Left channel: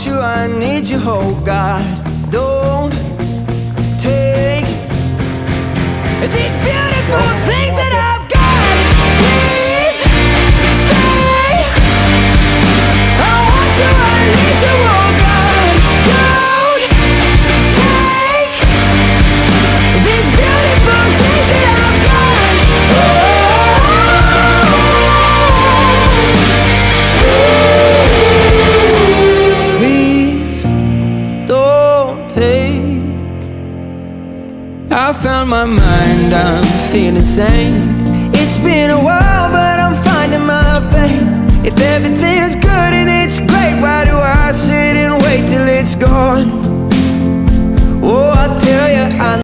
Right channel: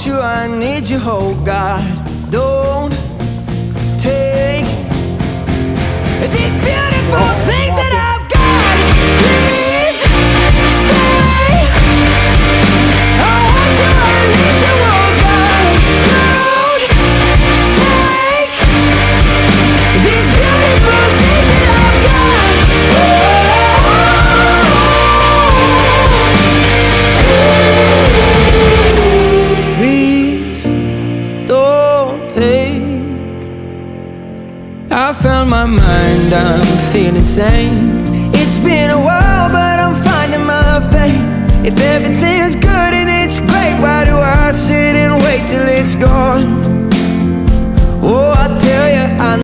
want you, I need you, oh God. Don't take these beautiful things that I've got. Please stay. I want you, I need you, oh God. Don't take these beautiful things that I've got. Please don't take. I found my mind, I'm feeling sane. It's been a while, but I'm finding my faith. If everything's good and it's great, why do I sit and wait till it's gone? Oh, I tell you, I